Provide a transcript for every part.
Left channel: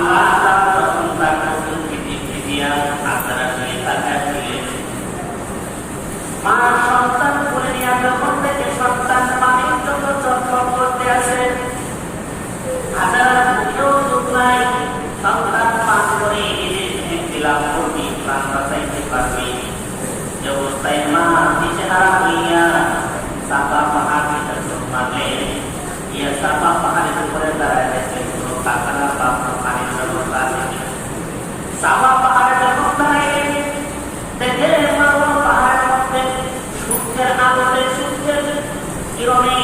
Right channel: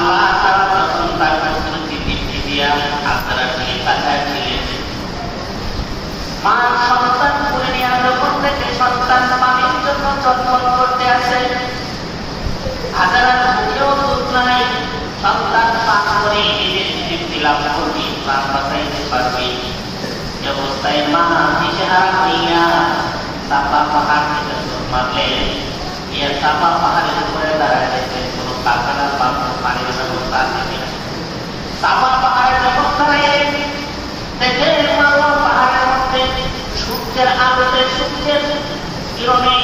আল্লাহ তাআলা যখন তার প্রস্তুতি দৃষ্টি দিয়া আপনারা দিয়ে তাকাচ্ছিলেন, মার সন্তান কোলে নিয়ে যখন থেকে সন্তান পানির জন্য চটপট করতে আসে, হাজার মুখেও চোখ নাই, সন্তান পান করে নিজের তৃপ্তি লাভ করবে, প্রাণ বাঁচাইতে পারবে। এ অবস্থায় মা দিশেহারা হইয়া সাফা পাহাড় থেকে চোখ মারলেন। ইয়া সাফা পাহাড়ের উপরে দাঁড়াইতেছে, কোনো কারখানা পাত্র পানির ব্যবস্থা আছে কিনা। সাফা পাহাড়ে যখন দাঁড়াইলেন, দেখেন মারওয়া পাহাড়ের মধ্যে সূর্যের আলোতে, সূর্যের কিরণে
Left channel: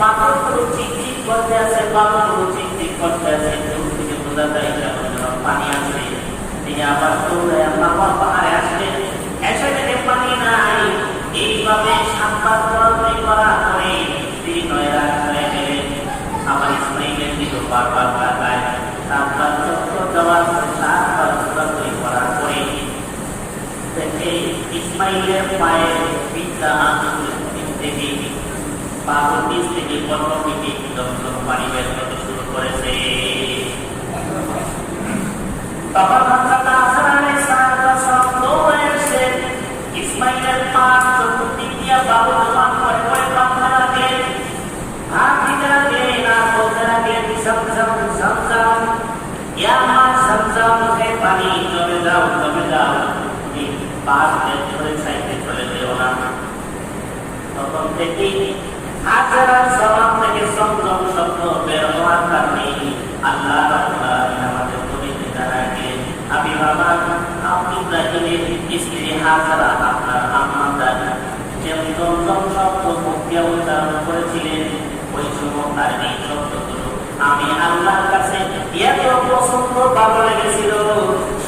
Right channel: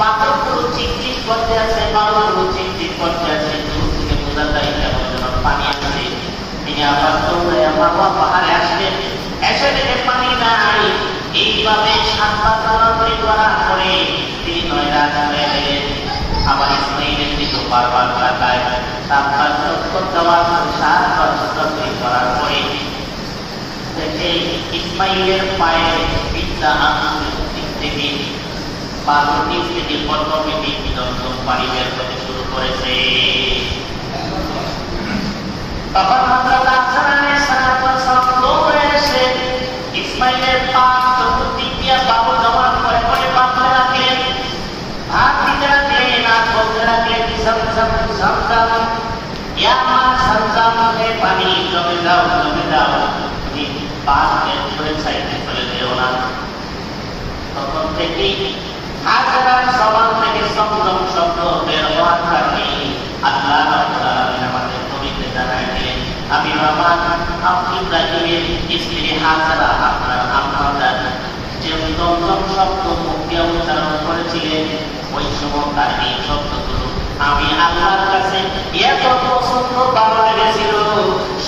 পাথরগুলো চিকচিক করতে আছে, বালুগুলো চিকচিক করতে আছে। দূর থেকে বোঝা যায় কেমন যেন পানি আছে। তিনি আবার দৌড়ে মারওয়া পাহাড়ে আসলেন, এসে দেখে পানি নাই। এইভাবে সাতবার দৌড়াদৌড়ি করার পরে তিনি নয়রা চলে গেলেন। আমার ইসমাইলের দিকে বারবার তাকায়, সাতবার চক্কর দেওয়ার পর, সাতবার দৌড়াদৌড়ি করার পরে দেখে ইসমাইলের পায়ের পিতা আঙুলের দিক থেকে, পাথর নিচ থেকে অটোমেটিক দমদম পানি বের হতে শুরু করেছে। তখন হযরত হাসান আলাইহিস সালাম দৌড়ে এসে ইসমাইলের পা চতুর্দিক দিয়ে বাবু জমা করে করে কাঁপতে লাগলেন, হাত দিতে লাগলেন, আর বলতে লাগলেন, ঝমঝম ঝমঝম, ইয়া মা ঝমঝম, হে পানি জমে যাও, জমে যাও, তুমি পাশ ধরে সাইডে চলে যেও না। তখন থেকেই হাজার জবান থেকে ঝমঝম শব্দ বের হওয়ার কারণে আল্লাহ রাব্বুল আলামিন আমাদের নবীকে জানায় দিলেন, আমি বাবা আপনি ইব্রাহিমের স্ত্রী হাজারা আপনার আম্মাজান যে ঝমঝম শব্দ মুখ দিয়ে উচ্চারণ করেছিলেন, ওই সময় তার এই শব্দগুলো আমি আল্লাহর কাছে এত পছন্দ ভালো লেগেছিল।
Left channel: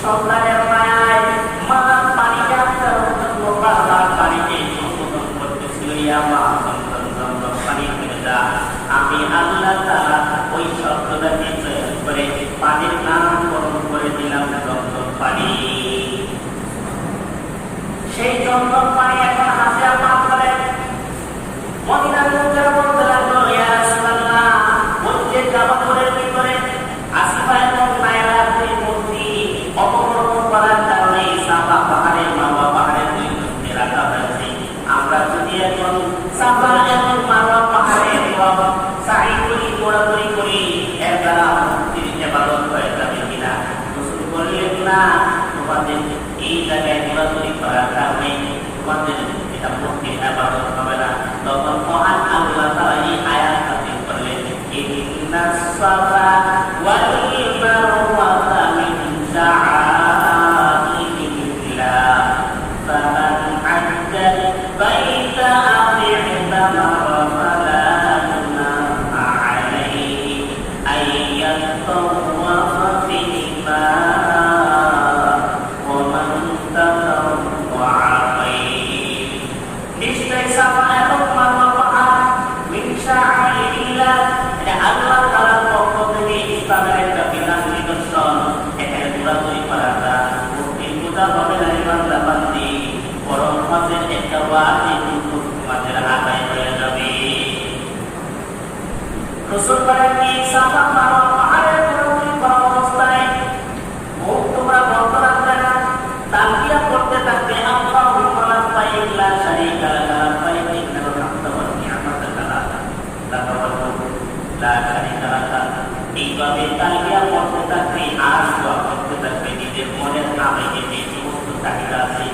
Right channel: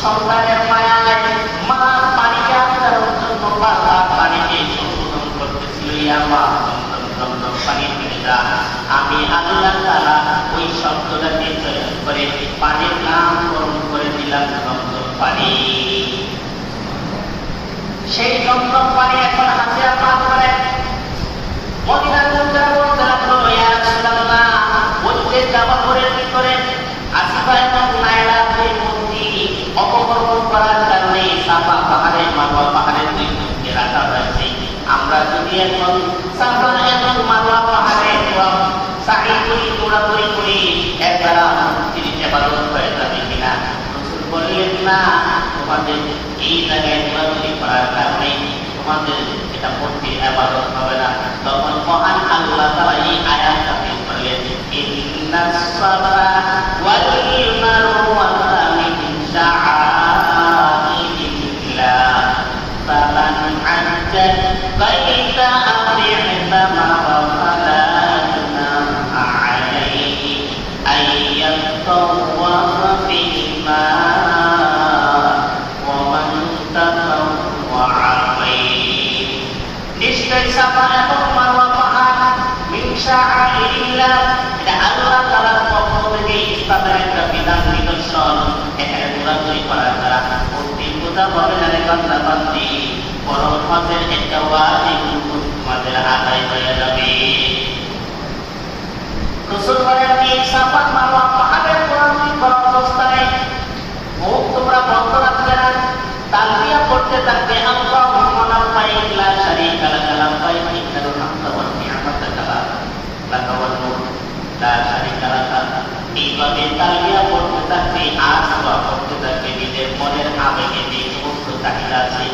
সন্তানের মায়ায় মা পানিকে আচারণ জন্য বারবার পানিকে সম্বোধন করতেছিল, ইয়া মা ঝমঝম পানি থেকে যা। আমি আল্লাহ তাআলা ওই শব্দটাকে চয়ন করে পানির নামকরণ করে দিলাম ঝমঝম পানি। সেই ঝমঝম পানি এখন হাতে পান করে মদিনার লোকেরা বলতে লাগলো, ইয়া রাসূলুল্লাহ, ওই যে জাবালের ভিতরে আসিফা এবং লায়লা দুই মূর্তি অপকর্ম করার কারণে সাফা পাহাড়ে মারওয়া পাহাড়ের দুই মূর্তি রাখা হয়েছে। আমরা যদি এখন সাফা এবং মারওয়া পাহাড়ে সাই করি, ঘোরাঘুরি করি, এর দ্বারা মূর্তির ইবাদত হয়ে যাবে কিনা? রাসূল বললেন, না, তোমাদের এই জায়গায় ঘোরাঘুরি করার কারণে তোমাদের এটা মূর্তির ইবাদত হবে না। তখন মহান আল্লাহ তাআলা এই আয়াত নাযিল করলেন, ইন্নাস সাফা ওয়াল মারওয়াতা মিন শাআইরিল্লাহ ফামান হাজ্জা বাইতা আও ই'তামারা ফালা জুনাহা আলাইহি আইয়াতাওয়াফা বিহিমা ওয়া মান তাতাওয়া বিহি। নিশ্চয় সাফা এবং মারওয়া পাহাড় মিন শাআইরিল্লাহ, এটা আল্লাহ তাআলার পক্ষ থেকে ইসলামের একটা বিধান নিদর্শন। এখানে ঘোরাঘুরি করার দ্বারা মূর্তির পূজা হবে না রে বান্দা বান্দি, বরং হজের একটা ওয়াজিব হুকুম তোমাদের আদায় হয়ে যাবে। রাসূল বলেন, এই সাফা মারওয়া পাহাড়ের ঘোরাঘুরি করা অবস্থায় মুখ তোমরা বন্ধ রাখবে না, তালবিয়া করতে থাকবে, আল্লাহুম্মা লাব্বাইক লা শারীকা লাক লাব্বাইক ইন্নাল হামদা ওয়ান নি'মাতা লাক ওয়াল মুলক লা শারীকা লাক। এইভাবে তালবিয়া করতে থাকবে, আর দোয়া করতে থাকবে, নিজের মনের আবেগে যে সমস্ত চাহিদা আছে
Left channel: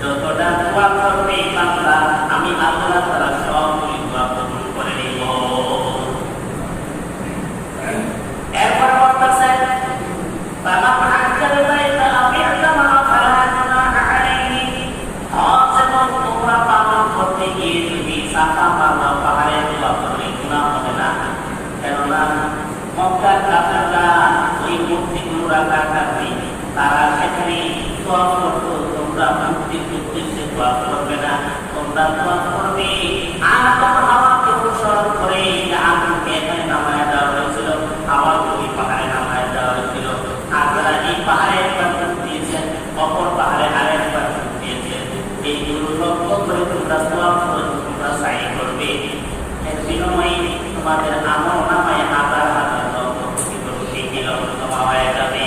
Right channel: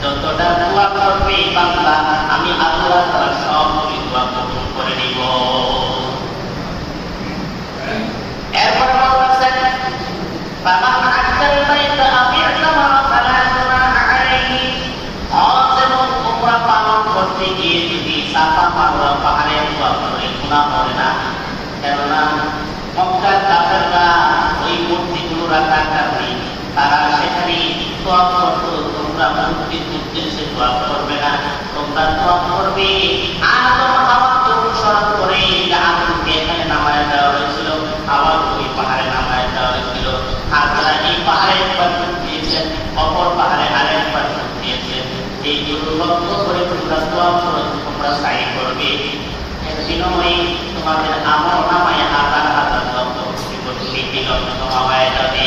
যতটা দোয়া করবে বান্দা, আমি আল্লাহ তাআলা সবগুলি দোয়া কবুল করে নিব। এরপর বলতেছেন, ফামান হাজ্জাল বাইতা আও ই'তামারা ফালা জুনাহা আলাইহি, হজ এবং উমরা পালন করতে গিয়ে যদি সাফা মারওয়া পাহাড়ে দোয়া করে গুনাহ হবে না। কেননা মক্কার কাফেররা ওই মূর্তিগুলো রাখার কারণে তারা সেখানে দোয়া করত, তোমরা মূর্তির উদ্দেশ্যে দোয়া করবে না, তোমরা দোয়া করবে আদম হাওয়াকে অনুসরণ করে। আদমকে এখানে নামায় দেওয়া হয়েছিল, হাওয়াকে ওই পাহাড়ে নামায় দেওয়া হয়েছিল। আপনারা এই পাহাড়ের পার্শ্ব দিয়েছেন, অপর পাহাড়ে আরেক পার্শ্ব দিয়েছেন। এই দুটো লক্ষ্য করে তোমরা দোয়া করে তোমরা সাই করবে। বিনিময়ে তোমাদের আমল নামায় হাজার হাজার লক্ষ লক্ষ হওয়া যাবে।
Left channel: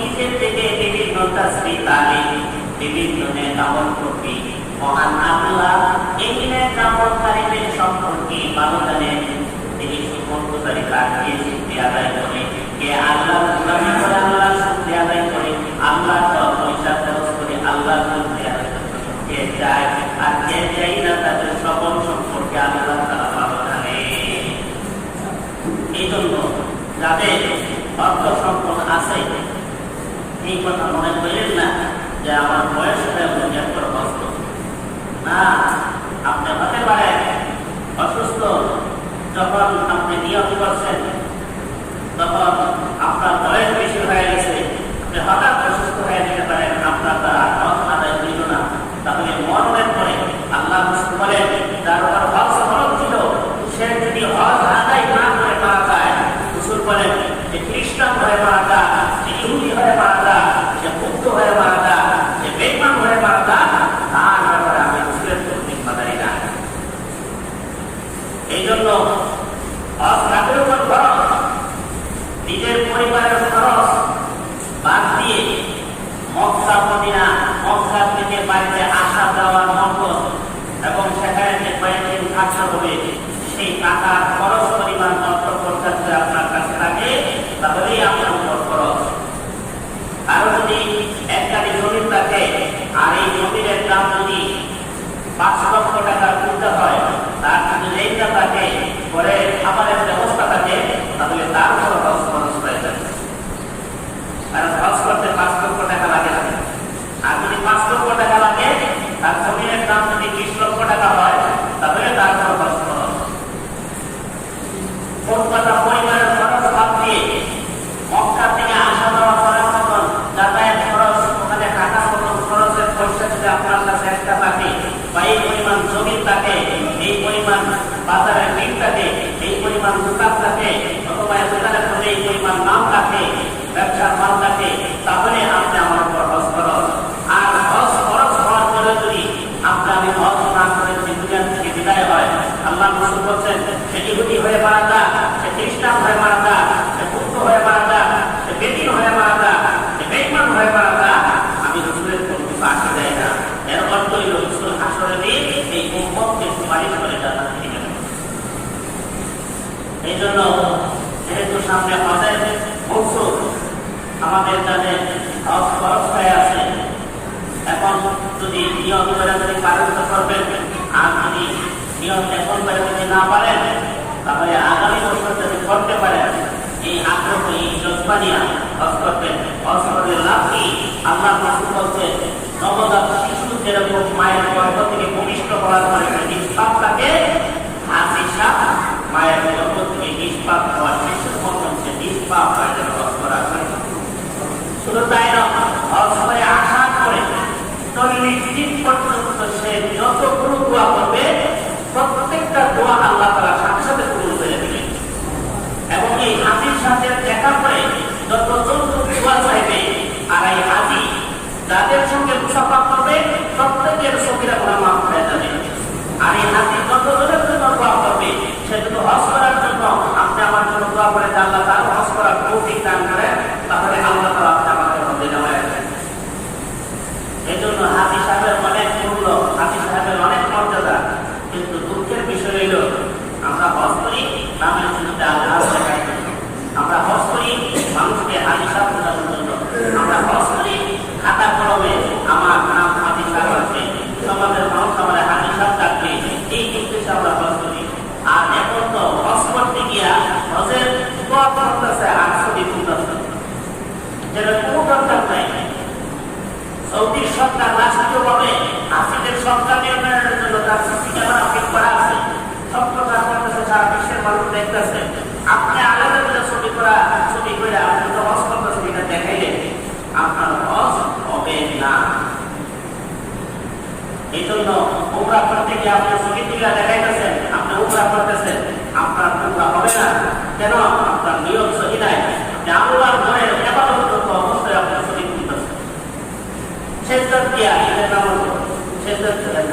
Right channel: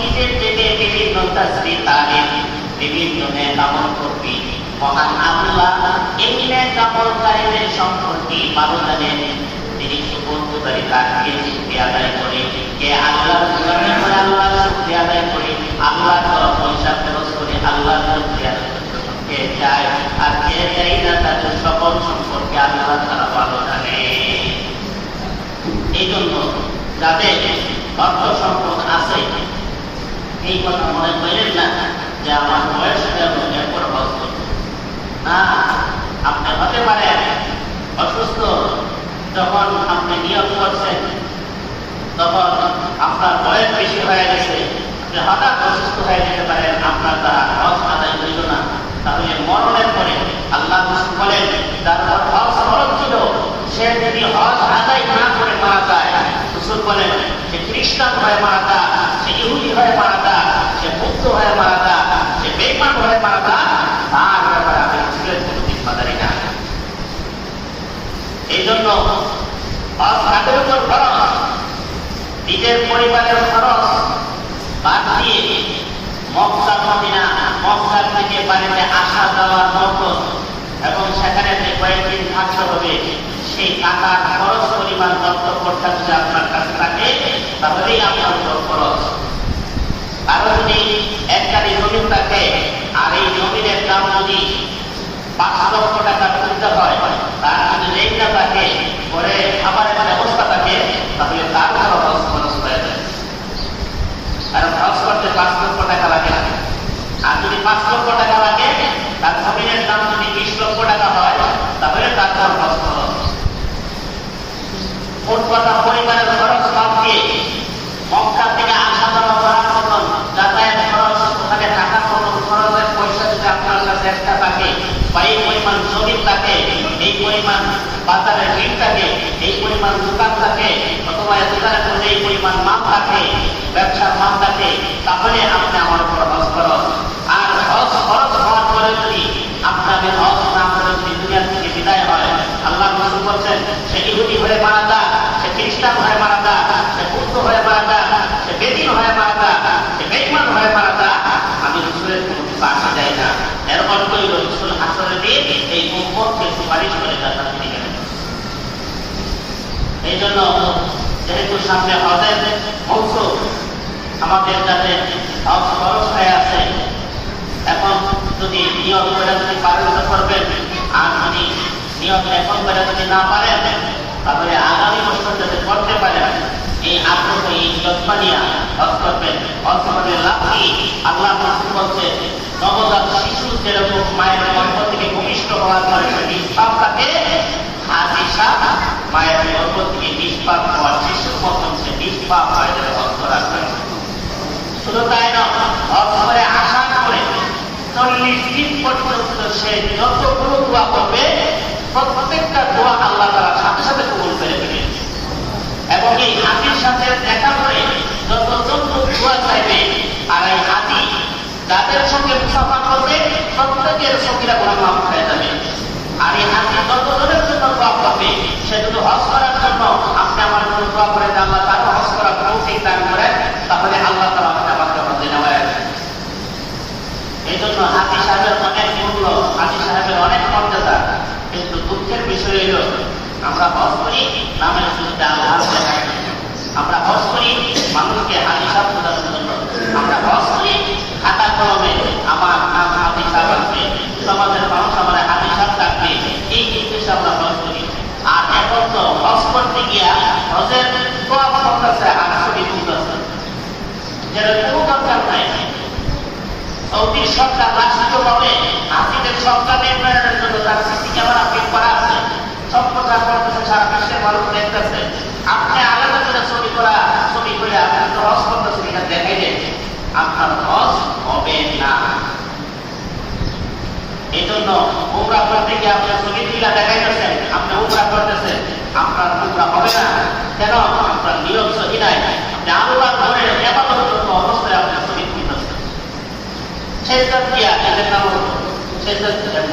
নিজের থেকে বিভিন্ন তাসবিহ তালিম, বিভিন্ন নেকামল কর্মী, মহান আল্লাহ এই নেকামলকারীদের সম্পর্কে ভালো জানেন। তিনি সুবন্ধকারিতা দিয়ে শুকরিয়া আদায় করে, কে আল্লাহ স্মরণ করে, আল্লাহ শুকরিয়া আদায় করে, আল্লাহর তরফ পয়সা খরচ করে আল্লাহর শুকরিয়া কে চায়, আর কে চাই না তাদের সকল সম্পর্কে আল্লাহ তাআলা ভালো জানে। এই জন্য যাদের অর্থ সম্পদ আছে এই কথা মনে করেন না যে আমার বয়স হয়ে দুনিয়া করে বসত না। আপনি হতে পারে অসুস্থ, যখন আপনি নিয়োগ করছেন তখন আপনার বয়স বেশি হয়ে গেছে, আপনি হঠাৎ অসুস্থ হয়ে যেতে পারেন, আপনার দ্বারা হজ আদায় হইল না। তাহলে মরণের পরে আল্লাহ রাসূল বলেন যার উপর হজ ফরজ ছিল সে যদি হজ আদায় না করে মারা যায়, রাসূল বলেন সে খ্রিস্টান হয়ে মারা যায়, সে ইহুদি হয়ে মারা যায়, সে বৌদ্ধ হয়ে মারা যায়, সে বেঈমান হয়ে মারা যায়, তার ব্যাপারে আমি রাসূলের কোনো জিম্মাদারি নাই। এই জন্য হজ কাদের উপর ফরজ? নিজের পরিবারের খরচ বাদ দিয়ে মক্কা মদিনা, মক্কা থেকে বাড়িতে আসা যাওয়ার নকল এবং সেখানে যে কয়েকদিন থাকতে হবে সেই টাকা খরচ পরিমাণ কর্তব্যটা যদি আপনার কাছে থাকে তাহলেই আপনার উপর খরচ। আরো যদি একটা জমি থাকে আর এই জমির দাম যদি 5 লক্ষ টাকা তুলতে হয়, তার যদি রেটটা থাকে, পরে খাবারের ব্যবস্থা থাকে, তাহলে তার উপর হজ খরচ হয়ে যায়। আর হজ করতে 5 লক্ষ টাকা লাগে না। আর যদি 5 লক্ষ টাকা লাগে, তার জমির দাম যদি 20 লক্ষ টাকা হয়, তাহলে তার উপর হজ খরচ। মোট কথা পরিবারের খরচ বাদ দিয়ে মক্কা থেকে আসা যাওয়া করার মতন যাতায়াত খরচ, ওখানে থাকার মতন খরচের পয়সা যদি আপনার কাছে একটা থাকে বা এই পরিমাণ জমি থাকে, এই পরিমাণ বাজারের ঋণ থাকে, এই পরিমাণ দোকান থাকে, অথবা দোকানের মধ্যে এই পরিমাণ মাল থাকে, ব্যবসার মাল থাকে, তাহলে আপনি আমার উপর হজ খরচ। আর হজ খরচ হওয়ার পরে যদি আপনাকে হজ না করে যদি দুনিয়া থেকে বিদায় হয়, আল্লাহ রাসূল বলছেন সে ইহুদি হয়ে মারা যায়, সে খ্রিস্টান হয়ে মারা যায়, সে বৌদ্ধ হয়ে মারা যায়, সে বেদিন হয়ে মারা যায়, সে বেঈমান হয়ে মারা যায়, আমি রাসূলের কোনো কিছু আসে যায় না। এর অর্থ হইল রাসূল হাসরের দিন এই উম্মতকে সুপারিশ করে জান্নাতে নিয়ে যাবেন। এই জন্য যেহেতু সামনে হজের মৌসুম, আমাদের যাদের হজ খরচ হয়ে আছে, এখন যদি নিয়ম করে যদি পালন করবেন, আর যদি নিয়ম এখন করে যদি না পারেন, তাহলে আগামী বছর যদি করতে পারেন, এই আগ্রহ এই যত্ন নিয়ে হজ করবেন। হজ করে লাভ কি? আল্লাহ রাসূল বলছে নবজাত শিশু যেরকম মায়ের গর্ভ থেকে ভূমিষ্ঠ হওয়ার পরে নিষ্পাপ থাকে, হাজি সাপ মায়ের গর্ভ থেকে নিষ্পাপ হওয়ার শিশুর মতন সে নিষ্পাপ হয়ে যাবে হজ করার জন্য। শুধু তাই নয়, হজ করে আসার পরে 40 দিন পর্যন্ত সে যতগুলো দোয়া করবে প্রত্যেকটা দোয়া আল্লাহ তাআলা সাথে সাথে কবুল করে নেবেন। এবং এই হাজির সাথে দেখা করে যতজন দোয়া চাইবে, আর এই হাজি যাদের সঙ্গে মুসাফা করবে প্রত্যেকের সগীরা গুনাহ মাফ হয়ে যাবে। আর এই হাজি যতজনের জন্য দোয়া করবে, সে যদি হজ করার জন্য আপনি আমার জন্য দোয়া করে আল্লাহ তার হজ করার তৌফিক দান করে, তাহলে আল্লাহ তাআলা আমাকে হজে নেওয়ায়। এই জন্য হাজি সাহেবের অনেক মূল্য, হাজি সাহেবের অনেক মর্যাদা। কিন্তু দুঃখের বিষয় হল আমরা হজ করি নামে শুধু আল্লাহ দেখাই, আমরা হজ করি মানুষকে হাজি সাহেব বোঝানোর জন্য, আমরা হজ করি খাতা কলমে আমার নাম হাজি সাহেব আছে, সমাজের মানুষ আমরা হাজি সাহেব থাকবে, এই উদ্দেশ্যে আমরা হজ করি। আর এখন তো হজ করতে গিয়া হজের দোয়া করতেছে আর ছবি তুলতেছে, যেটা কোনো দরকার নাই। সৌদি সরকার রাষ্ট্রীয়ভাবে হাসিদের সরকার নির্মাণের জন্য তার সিসি ক্যামেরা ফিট করা আছে, সব কথা করতেছে, সারা বিশ্বের মানুষ দেখতেছে। আপনি আলাদা করে ছবি করে আপনি তো হজ করতেছেন, এটা দেখাই দেয় আপনার হজ হবে না। এই জন্য উমরা করতে গিয়ে আপনি ছবি তুলে দেখাইতেছেন, আপনি উমরা করতেছেন, আপনার উমরা হবে না। কেন? আপনার নিয়ম সহি নাই। আপনি আল্লাহর ঘরে ইবাদতরত অবস্থায় আপনি ছবি তুলতেছেন, সেজদা দিয়া এটার নাম সেজদা করেন।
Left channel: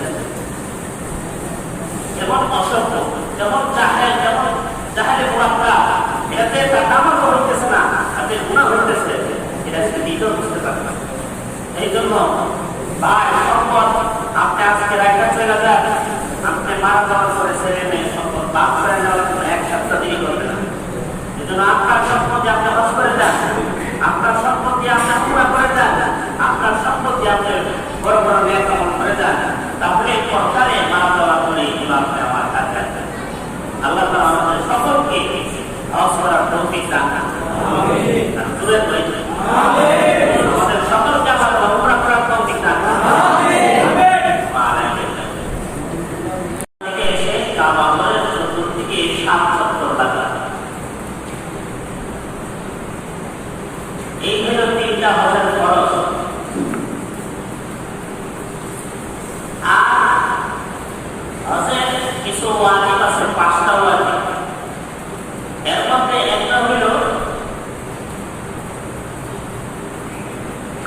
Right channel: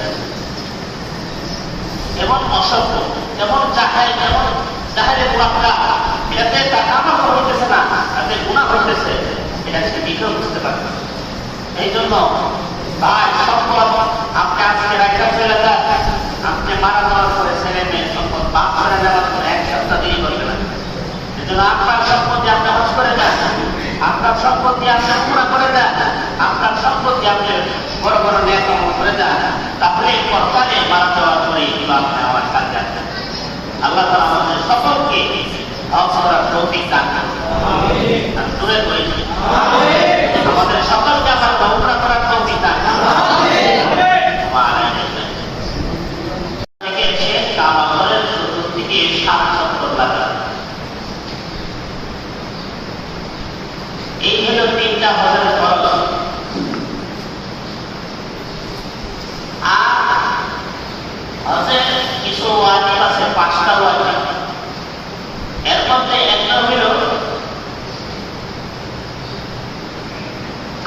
যেমন অসভ্য, যেমন জাহেলে মুনাফিক, এটাতে টাকা আমার হইতেছে না, আপনি গুনাহ হইতেছে। এটা সেদিকেও বুঝতে পারবে। এই জন্য ভাই সম্পদ আপনি আজকে একটা চলে যান, আপনি মারা যাওয়ার পরে ছেলে মেয়ে সম্পদ বাদ করে যাওয়ার পরে এক সপ্তাহ দেরি করবেন। এই জন্য আপনার সম্পত্তি আপনি হজ করে যান, আপনার সম্পত্তি আপনার পুরা করে যান, আপনার সম্পত্তি আপনি বড় বড় নেতা করে যান, তাহলে পরকালে মারা যাওয়ার পরে এগুলো আপনি আমার কাছে আসবেন। আল্লাহ তাআলা আমাদের সকলকে হজ করার তৌফিক দান করুন। জোরে বলি আমিন। আমাদের সকলকে আল্লাহ উমরা করার তৌফিক দান করুন। আমিন। থেকে এসে কাবা ঘরের চতুর্দিকে 7 চক্কর লাগান। এই হলো 3টা হজের ফরজ। আর হজের কিছু ওয়াজিব আছে, 5টা ওয়াজিব। এর মধ্যে একটা হলো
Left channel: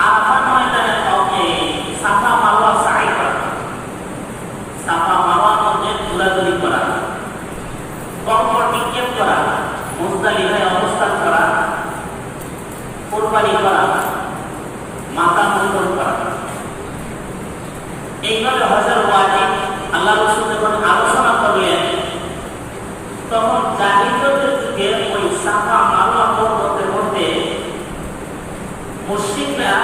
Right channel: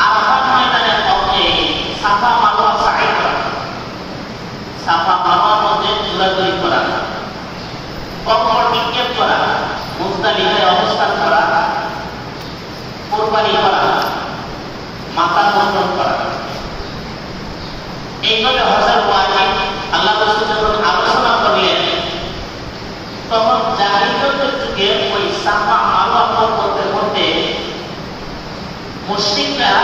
আরাফাত ময়দানে সাফা মারওয়া সাই করা, সাফা মারওয়ার মধ্যে ঘোরাঘুরি করা, কবর নিক্ষেপ করা, মুজদালিফায় অবস্থান করা, কুরবানি করা, মাথা মুন্ডন করা। এইগুলো হজের ওয়াজিব। আল্লাহ রাসূল যখন আলোচনা করলেন তখন জাহিলিয়াতের যুগে ওই সাফা মারওয়া পর্বতের মধ্যে মুশরিকরা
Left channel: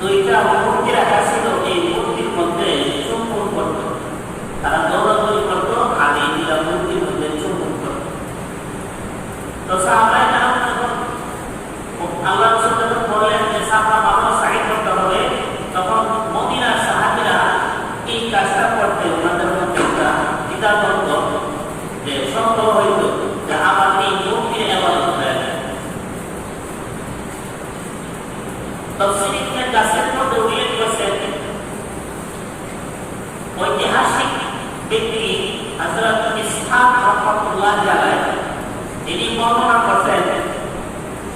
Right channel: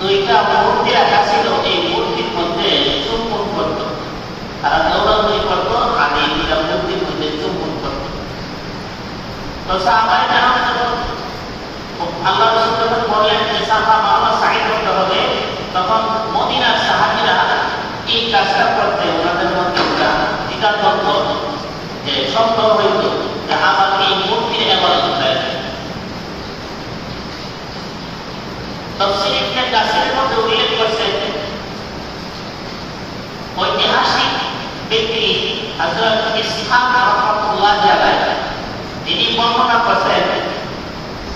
2টা মূর্তি রাখা ছিল। এই মূর্তির মধ্যে চুম্বন করত, তারা দৌড়াদৌড়ি করত আর এই 2টা মূর্তির মধ্যে চুম্বন করত। তো সাহাবায়ে কেরাম যখন আল্লাহ রাসূল যখন বললেন যে সাফা মারওয়া সাই করতে হবে, তখন মদিনার সাহাবীরা এই কাজটা করতে ওনাদের মধ্যে এটা করত যে সন্দেহ হইত যে আমার এই মূর্তির ইবাদত করে। তাফসীর ইবনে কাসিরের মধ্যে উল্লেখ করেছে ঐতিহাসিক ব্যক্তি হযরত ইসহাক রাহমাতুল্লাহি আলাইহি তিনি বর্ণনা করেছেন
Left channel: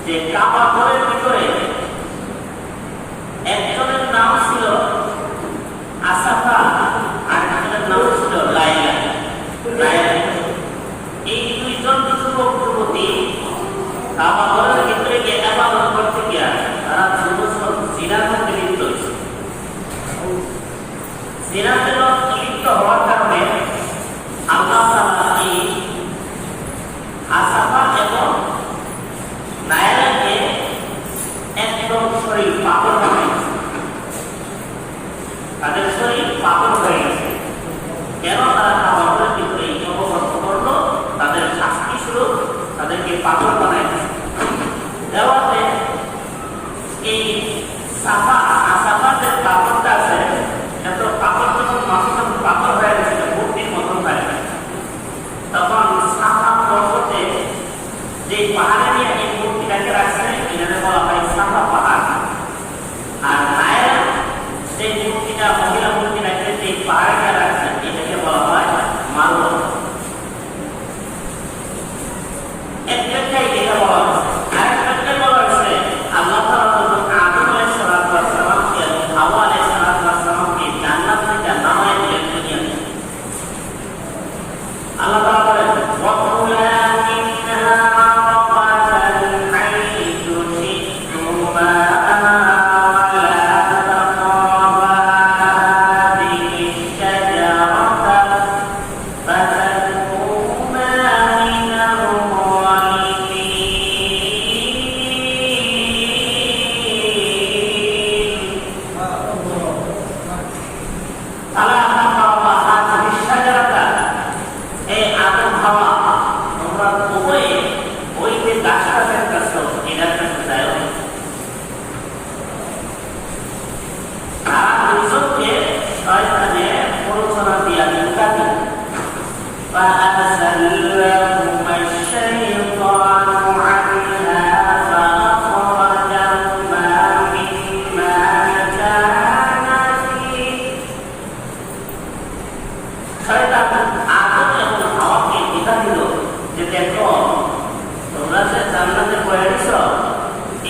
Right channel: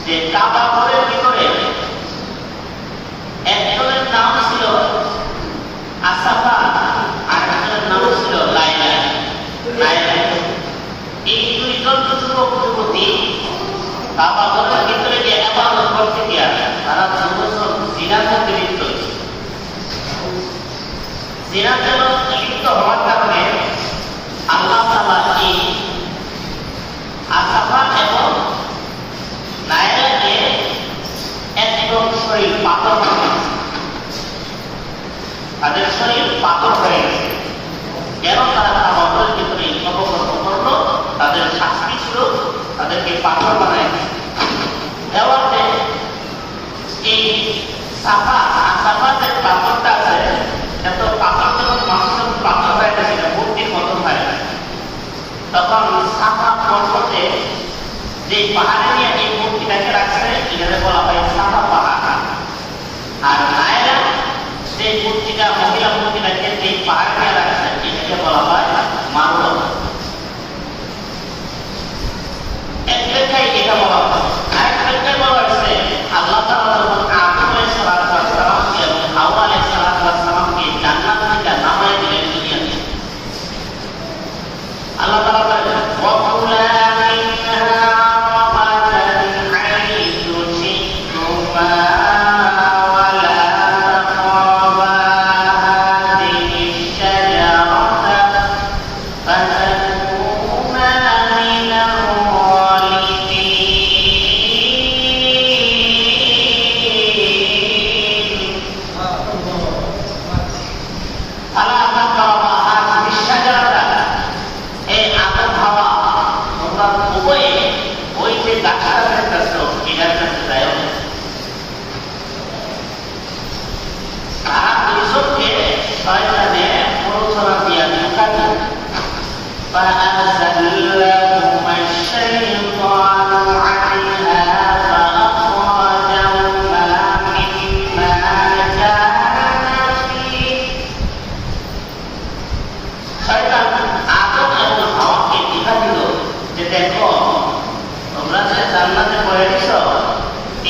যে কাবা ঘরের ভিতরে একজনের নাম ছিল আসাফা আর একজনের নাম ছিল লাইলা। এই 2জন যুবক যুবতী কাবা ঘরের ভিতরে গিয়ে ইবাদত করতে গিয়ে তারা 2 বছর জিনার মধ্যে লিপ্ত হয়েছে। জিনাতে লিপ্ত হওয়ার কারণে আল্লাহ তাআলা এই আসাফা এবং লাইলাকে একদম শরীর পাথর বানিয়েছে, তাদের শরীর পাথর হয়ে গেছে। কেন তারা কাবা ঘরের ভিতরে অপকর্ম করলো? তাদের শাস্তি ছিল তাদেরকে পাথর বানিয়েছে। দেওয়াতে এই সাফা আসাফাদের পাথরটা আছে, এত পাথর যখন মানুষের পাথর হয়ে গেছে মূর্তির মতন হয়ে গেছে, তখন সাফা পর্বতে যে পাহাড়ে নিয়ে এই মূর্তিটাকে রাখছে এটাকে বলা হয় সাফা পাহাড়। আর লায়লা যে মূর্তিটা মহিলা মূর্তিটাকে যে পাহাড়ে নিয়ে রাখছে এটাকে বলা হয় মারওয়া। এক ব্যাখ্যায় এটা বলা হয়েছে। আরেক ব্যাখ্যায় বলা হয়েছে আল্লাহ তাআলা যখন আদম আলাইহিস সালাম এবং হাওয়া আলাইহিস সালামকে জান্নাত থেকে নামায় দিলেন দুনিয়াতে, আল্লাহ তাআলা বলেন ওয়াকুলা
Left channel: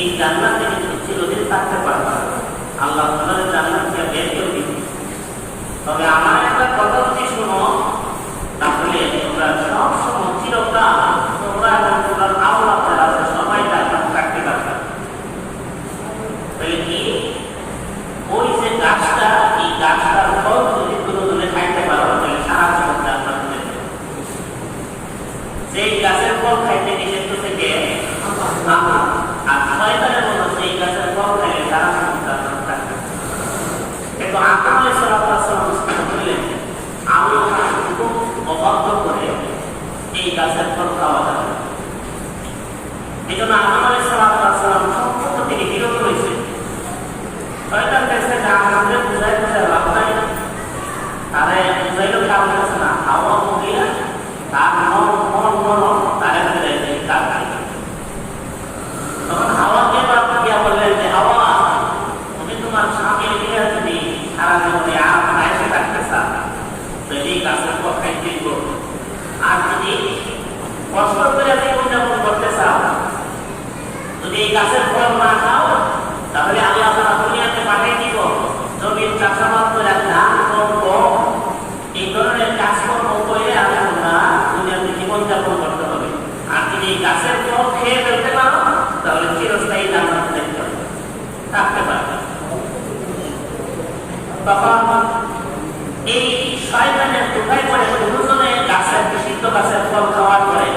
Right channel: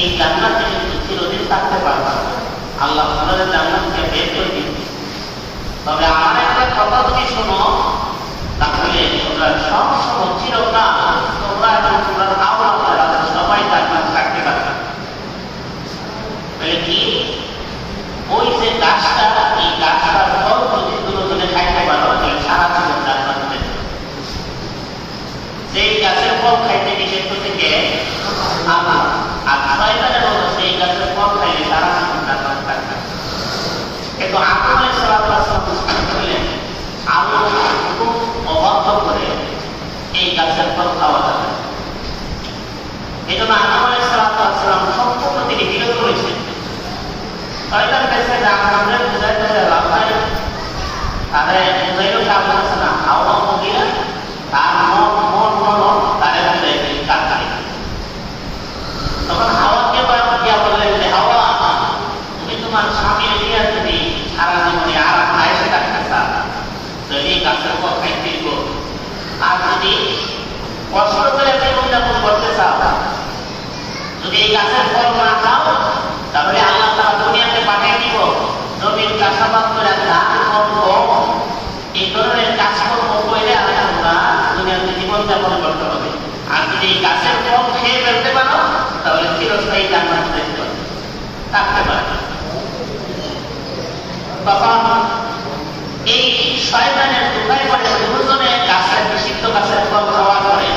এই জান্নাতে কিন্তু চিরদিন থাকতে পারবা, আল্লাহ তোমাদের জান্নাত থেকে বের করে দিবে। তবে আমার একটা কথা যদি শোনো, তাহলে তোমরা সবসময় চিরকাল তোমরা এবং তোমরা আওলাদরা সবাই জান্নাতে থাকতে পারবে। বলে কি ওই যে গাছটা, এই গাছটার ফল যদি দুজনে খাইতে পারো তাহলে সারা জীবন জান্নাত পেতে পারো। যেই গাছের ফল খাইতে নিষেধ থেকে আমার আর শয়তানের মতো সেই গাছের ফল খাইলে সারা জীবন জান্নাত থাকবে। কিন্তু আদম আলাইহিস সালাম বুঝতে পারলেন আল্লাহ খুব অবাধ্য করে এই গাছের ফল খাওয়া যাবে। এই জন্য আদম আলাইহিস সালাম সম্পূর্ণ তিনি বিরত রয়েছেন। শয়তান কাছে না আমাদের বুঝাইতে লাভ নাই, আরে বুঝাইলেও কাজ হচ্ছে না। হাওয়া মহিলা তার মন তারে বুঝাইতে কাজ করে। তখন হাওয়াকে গিয়া বললেন যে হাওয়া, তুমি তোমার স্বামীর দিয়ে যদি সারা জীবনে আর এসে থাকতে চাও তো এই গাছের পর খাইতে দিব, আর যদি কষ্ট করে জীবনযাপন করতে চাও, যদি এই গাছের ফল না খাও তাহলে আল্লাহ তাআলা দুনিয়াতে পাঠিয়ে দিব জমির চাষাবাদ করে ধান করব, এই ধরনের কাজকর্ম করে আমরা দুনিয়াতে জীবনযাপন করতে হবে। আর যদি এই গাছের ফল খেয়ে ফেলতে পারো তাহলে চিরস্থায়ী জান্নাতে থাকতে পারবে। তখন এই শয়তানের দোকায় করে দুজনে গাছের নিষিদ্ধ গাছের ফল খাওয়ার পরে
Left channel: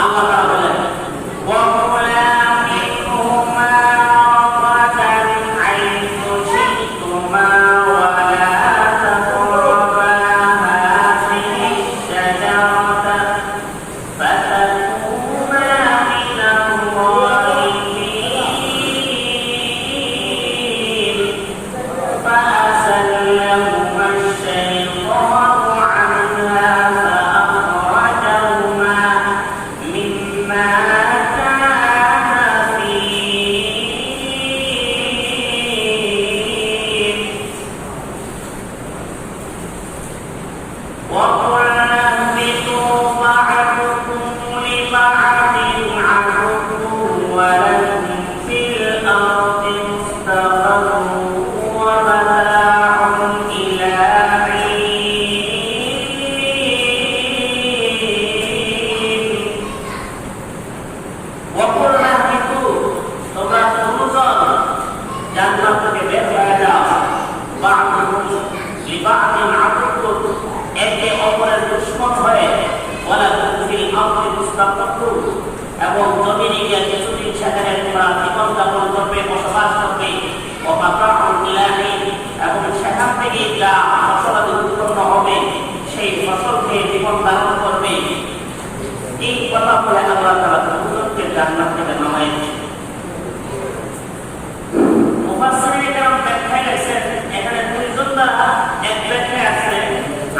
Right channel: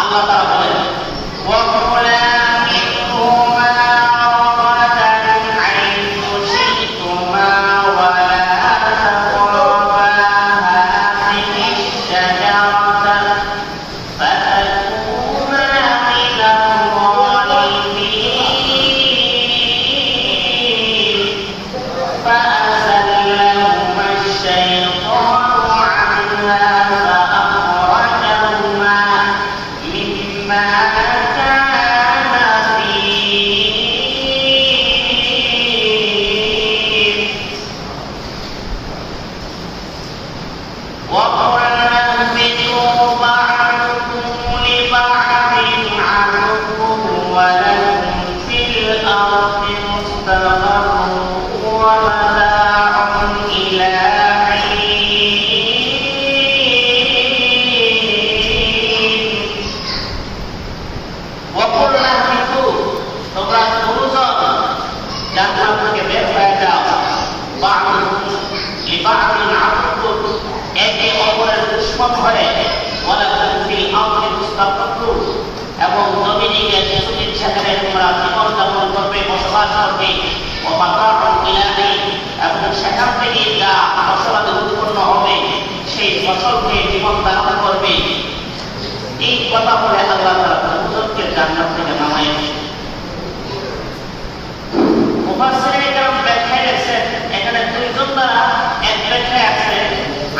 আল্লাহ তাআলা বলেন এবং জমিনে গিয়ে কিছুদিন সেখানে তোমরা জীবনযাপন করবে, বসবাস করবে, এবং সেখান থেকে যা ফসলাদি উৎপন্ন হবে সেই ফসল খেয়ে জীবন ধারণ করবে। এই কথা বলে আল্লাহ তাআলা দুজনকে জান্নাত থেকে নামায় দিয়েছেন। মুফাসসিরিনে কেরাম ব্যাখ্যায় গেছেন এখানে দুইজন দ্বারা এক ব্যাখ্যায় আছে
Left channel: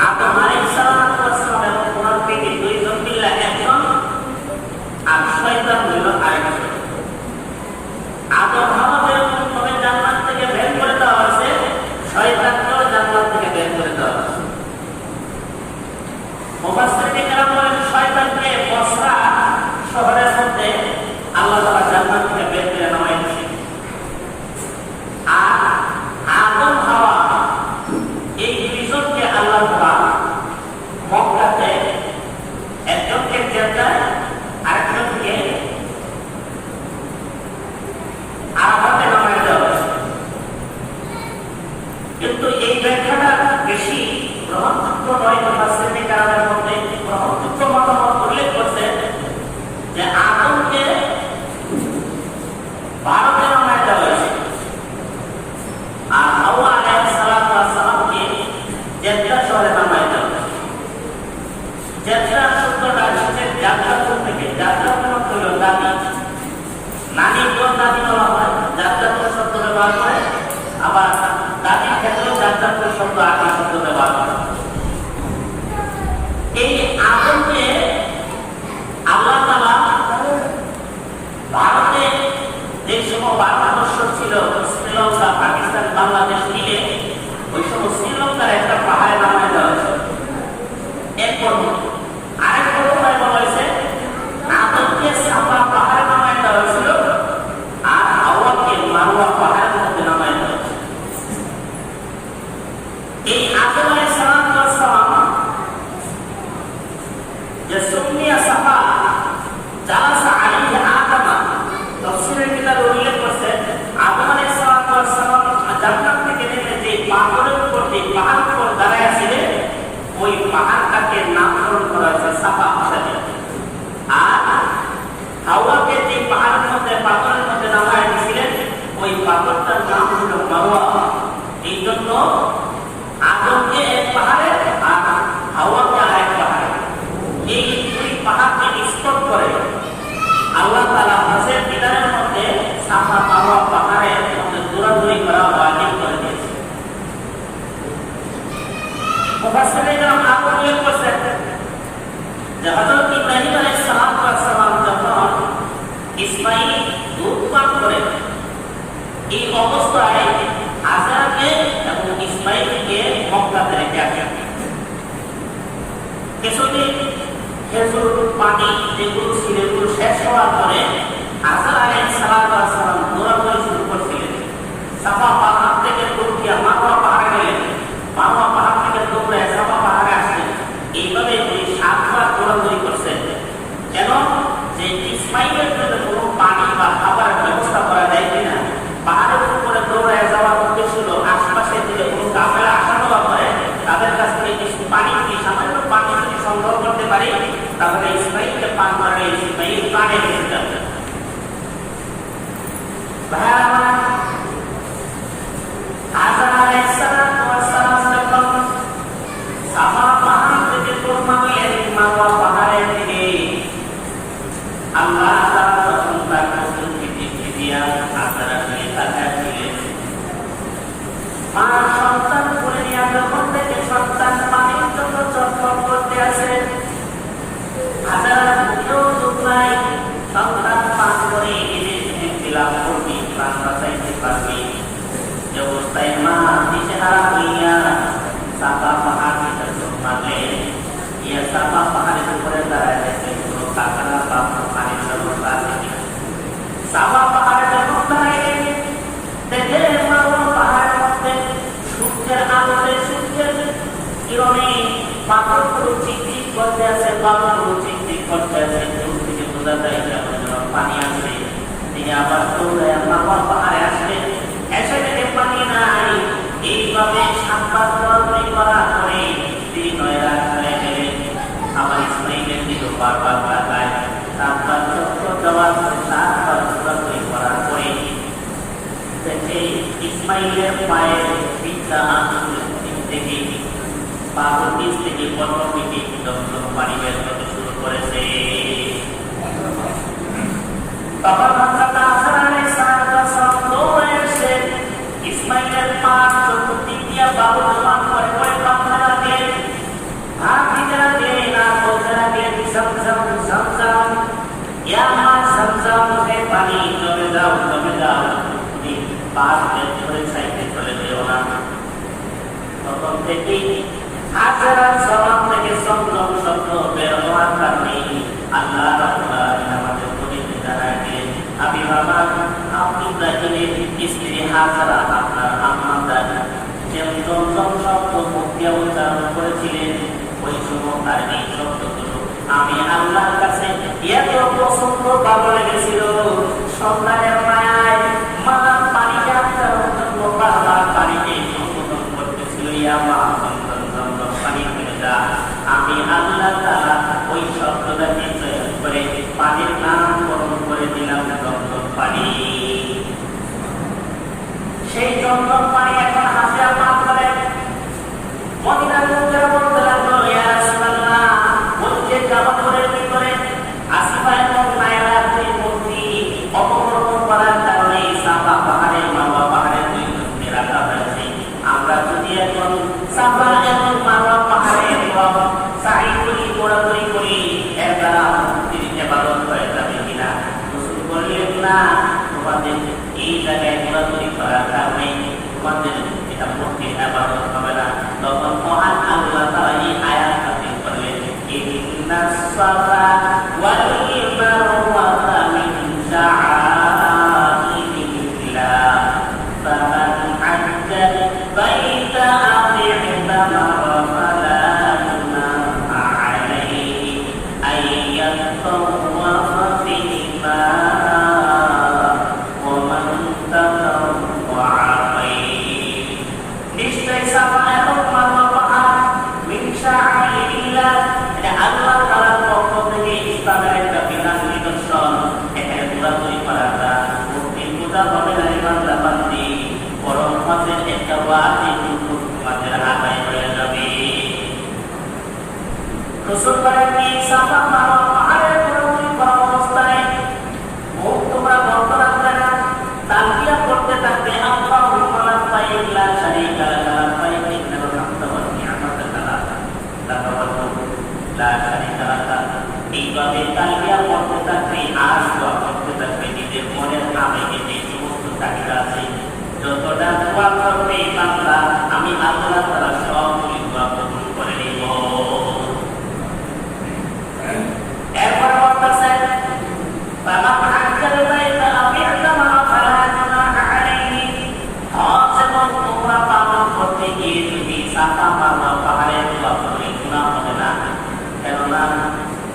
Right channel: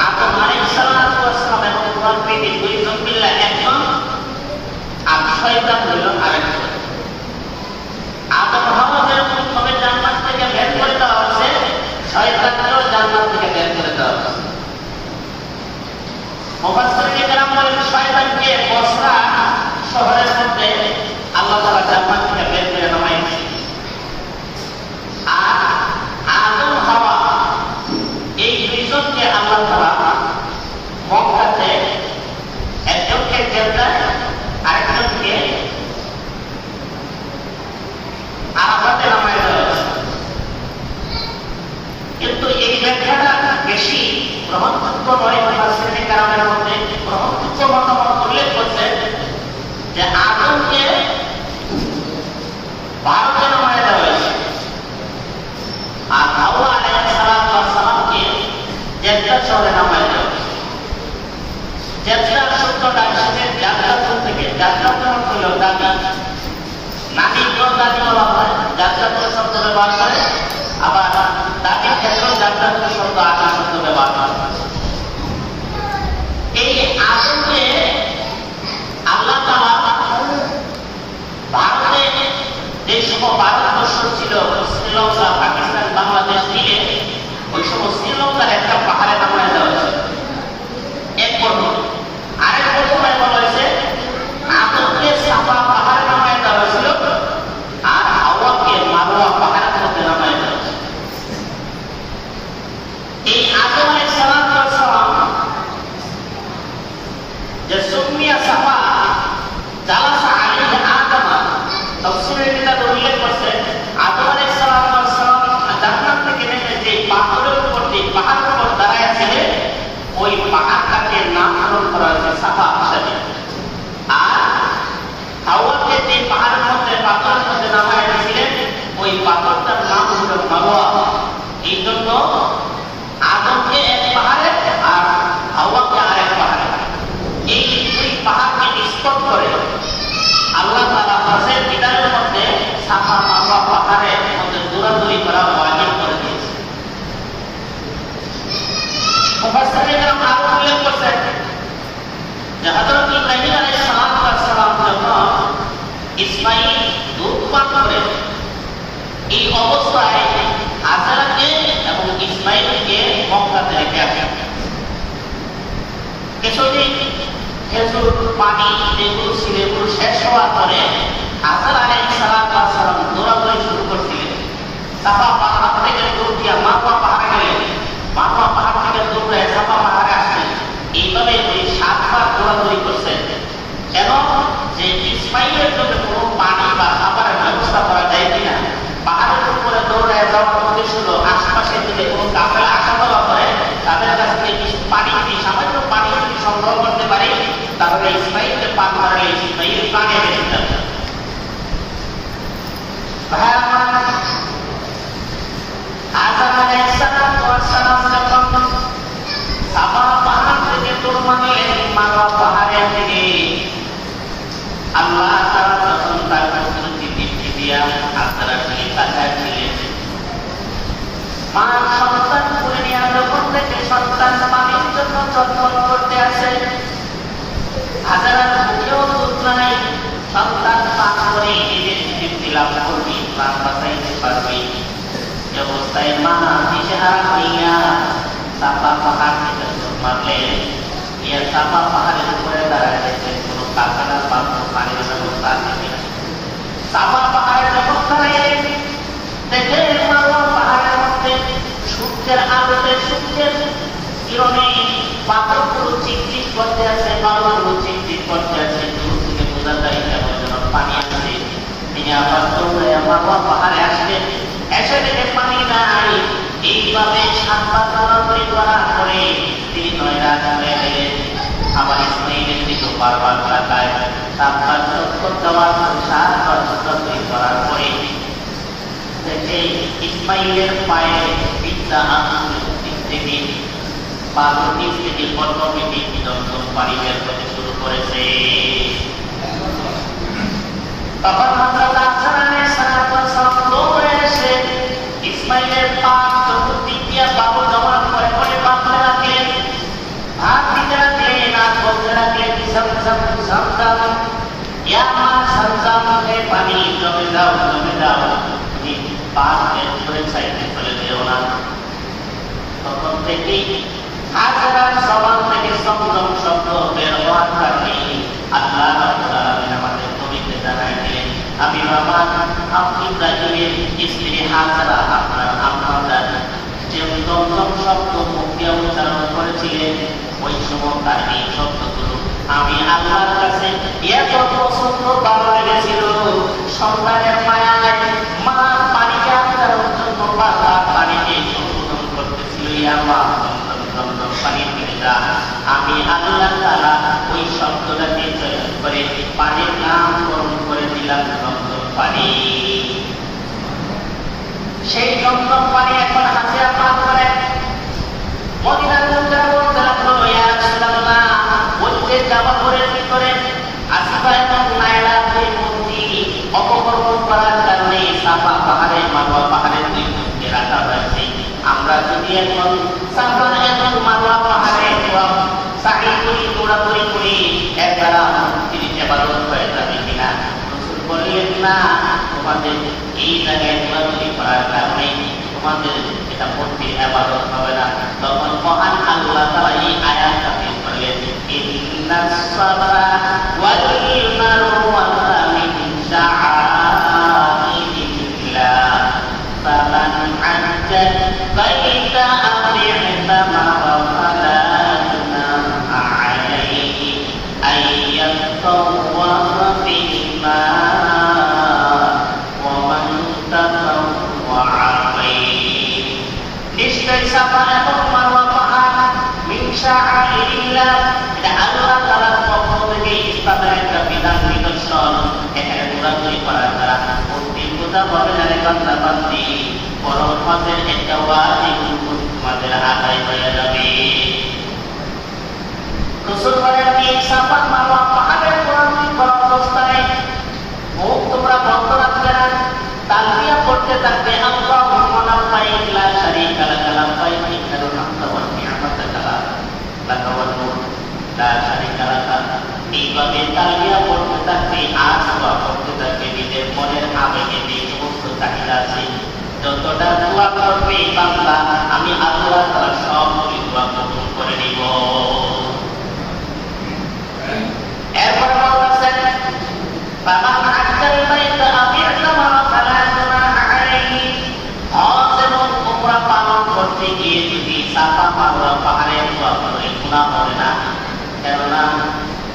আদম আলাইহিস সালাম এবং কোরআন থেকে দুইজন মিলে একজন আর শয়তান হইল আরেকজন। আদম হাওয়া যেরকম ভাবে জান্নাত থেকে বের করে দেওয়া হয়েছে, শয়তানকেও জান্নাত থেকে বের করে দেওয়া হয়েছে। মুফাসসিরিনে কেরাম বলেন শয়তানকে বসরা শহরের মধ্যে আল্লাহ তাআলা জান্নাত থেকে বের করে নামাইছেন। আর আদম হাওয়া এই দুইজনকে আল্লাহ তাআলা মক্কাতে একজনকে জেলখানায় আরেকজনকে আরাফাতে নামায় দেওয়া হয়েছে। কিন্তু এই ব্যাখ্যাটা বেশি গ্রহণযোগ্য নয়। মুফাসসিরিনে কেরামের মধ্যে গ্রহণযোগ্য মতামত উল্লেখ করছে যে আদমকে ভারতে নামায় দেওয়া হয়েছে আর হাওয়া আলাইহিস সালামকে জেদ্দা শহরে নামায় দেওয়া হয়েছে। জেদ্দা শব্দটা এসেছে জাদ্দাতুন থেকে। জাদ্দাতুন হলো দাদি, নানিকেও দাদি বলা হয়, জাদ্দাতুন শব্দ ব্যবহার করে, আবার দাদির ক্ষেত্রেও জাদ্দাতুন শব্দ আদি শব্দ ব্যবহার করে। এই আদমকে আল্লাহ তাআলা ভারতে যে সময় ভারতবর্ষ ছিল, শ্রীলঙ্কা, পাকিস্তান, বাংলাদেশ মিলে ওই সময় শ্রীলঙ্কার একটা পাহাড়ে নামায় দেওয়া হয়েছে এক বছর। আরেক বছর বলা হয়েছে আদমকে সাফা পাহাড়ে নামায় দেওয়া হয়েছিল আর হাওয়াকে মারওয়া পাহাড়ের মধ্যে নামায় দেওয়া হয়েছে। এই আদম আলাইহিস সালাম যে সুমিয়া সাফা জালাসা আলাইহি আদম, তাফসীরের কিতাবে উল্লেখ করছে আদম মারওয়া পাহাড়ের মধ্যে দৌড়াদৌড়ি করা ওয়াজিব করে দিয়েছে। মুফাসসিরিনরা আরো উল্লেখ করেছেন যে হযরত ইব্রাহিম আলাইহিস সালাম যখন ইসমাঈল দুধ পান করে এই অবস্থায় হাজারকে এবং ইসমাঈলকে মক্কাতে রেখে আসেন। কিছুদিন খেজুর পানি যেগুলো ছিল এগুলো শেষ হওয়ার পরে হাজার আলাইহিস সালাম দৌড়াদৌড়ি শুরু করছিলেন। সাফা পাহাড় থেকে দৌড় দিয়া মারওয়া পাহাড়ে গেলেন, মারওয়া পাহাড় থেকে দৌড়ে সাফা পাহাড়ে আসলেন। এইভাবে উনি 7 বার দৌড়াদৌড়ি করছেন। কেন? যে ইসমাঈলের জন্য কোনো পানি বা খাবারের ব্যবস্থা করা যায় কিনা। পাহাড়ের উপরে দৌড়ে যাওয়ার উদ্দেশ্য হলো আশপাশের দিকে কোনো কাফেলা আসা যাওয়া করে তাদের কাছ থেকে কিছু পানি সামান্য পানি সংগ্রহ করতে পারি, তাহলে ইসমাঈলকে পান করালে ইসমাঈল পানি বেঁচে যাবে। হাজার আলাইহিস সালাম যখন সাফা পাহাড় থেকে দৌড় মারলেন মারওয়া পাহাড়ের দিকে, আল্লাহ তাআলা তখন তার কুদরতি দৃষ্টি দিয়া হাজারের দিকে তাকাচ্ছিলেন। মার সন্তান কোলে নিয়ে যখন থেকে সন্তান পানির জন্য চটপট করতে আসে, হাজারের মুখেও দুধ নাই, সন্তান পান করে নিজের তৃপ্তি লাভ করবে, প্রাণ বাঁচাইতে পারবে। এই অবস্থায় মা দিশেহারা হইয়া সাফা পাহাড় থেকে দৌড় মারলেন। ইয়া সাফা পাহাড়ের উপরে দাঁড়ায় গেছে কোনো কারখানা পাত্র পানির ব্যবস্থা আছে কিনা। সাফা পাহাড়ে যখন দাঁড়াইলেন দেখে মারওয়া পাহাড়ের মধ্যে সূর্যের আলোতে সূর্যের কিরণে পাথরগুলো চিকচিক করতে আছে, বালুগুলো চিকচিক করতে আছে। দূর থেকে বোঝা যায় কেমন যেন পানি আছে। তিনি আবার দৌড়ে মারওয়া পাহাড়ে আসলেন, এসে দেখে পানি নাই। এইভাবে 7 বার দৌড়াদৌড়ি করার পরে তিনি নয়রাত হয়ে গেলেন। আমার ইসমাঈলের দিকে বারবার তাকায়, 7 বার চক্কর দেওয়ার পরে 7 বার দৌড়াদৌড়ি করার পরে দেখে ইসমাঈলের পায়ে পিতা আঙুল থেকে পাগল নিচ থেকে অটোমেটিক দমদম পানি বের করতে শুরু করেছে। তখন হযরত হাসান আলাইহিস সালাম দৌড়ে এসে ইসমাঈলের পা চতুর্দিক দিয়ে বাবু জমা করে করে কাঁপতে লাগলেন, হাত দিতে লাগলেন, আর বলতে লাগলেন zamzam zamzam, ইয়া মা zamzam হে পানি জমে যাও জমে যাও, তুমি পাহাড় বের করে সাইডে চলে যেও না। তখন থেকে হাজার জবান থেকে সমজম শব্দ বের হওয়ার কারণে আল্লাহ রাব্বুল আলামিন আমাদের নবীকে জানায় দিলেন, আমি বাবা আপনি ইব্রাহিমের স্ত্রী হাজারা আপনার আম্মা যে জমজম শব্দ মুখ দিয়ে উচ্চারণ করেছিলেন ওই সময় তার এই শব্দগুলো আমি আল্লাহর কাছে এত পছন্দ ভালো লেগেছিল। সন্তানের মায়ায় মা পানিকে আটকানোর জন্য বারবার পানিকে সংশোধন করতেছিল, ইয়া মা জমজম পানি ফেলে যা। আমি আল্লাহ তাআলা ওই শব্দটাকে চয়ন করে পানির নামকরণ করে দিলাম জমজম পানি। সেই জমজম পানি এখন হাসিয়া পান করেন। মদিনার লোকেরা বলতে লাগলো, ইয়া রাসূলুল্লাহ, ওই যে জাবালের ভিতরে আসিফা এবং নাইলার যে মূর্তি অপকর্ম করার কারণে সাফা পাহাড়ে মারওয়া পাহাড়ের দুই মূর্তি রাখা হয়েছে। আমরা যদি এখন সাফা এবং মারওয়া পাহাড়ে সাই করি দৌড়াদৌড়ি করি এর দ্বারা মূর্তির ইবাদত হয়ে যাবে কিনা? রাসূল বললেন, না, তোমাদের এই জায়গায় দৌড়াদৌড়ি করার কারণে তোমাদের এটা মূর্তির ইবাদত হবে না। তখন মহান আল্লাহ তাআলা এই আয়াত নাযিল করলেন, ইন্নাস সালাতা ওয়াল মারওয়াতা মিন শাআইরিল্লাহ ফামান হাজ্জা বাইতা আও ই'তামারা ফালা জুনাহা আলাইহি আন ইয়াতাওয়াফা বিহিমা ওয়া মান তাতাওয়া খায়র। নিশ্চয় সাফা এবং মারওয়া পাহাড় মিন শাআইরিল্লাহ, এটা আল্লাহ তাআলার পক্ষ থেকে ইসলামের একটা বিধান নিদর্শন। এখানে দৌড়াদৌড়ি করার দ্বারা মূর্তির পূজা হবে না রে বান্দা বান্দি, বরং হজের একটা ওয়াজিব তোমাদের আদায় হয়ে যাবে। রাসূল বলেন, এই সাফা মারওয়া পাহাড়ের দৌড়াদৌড়ি করা অবস্থায় মুখ তোমরা বন্ধ রাখবে না, আছে, যতটা দোয়া করবে বান্দা আমি আল্লাহ তাআলা সবগুলি দোয়া কবুল করে নিব। এরপর বলতেছেন ফামান হাজ্জাল বাইতা আও ইতামারা ফালা গুনাহা আলাইহি, হজ এবং উমরা পালন করতে গিয়ে যদি সাফা মারওয়া পাহাড়ে দোয়া করে গুনাহ হবে না। কেননা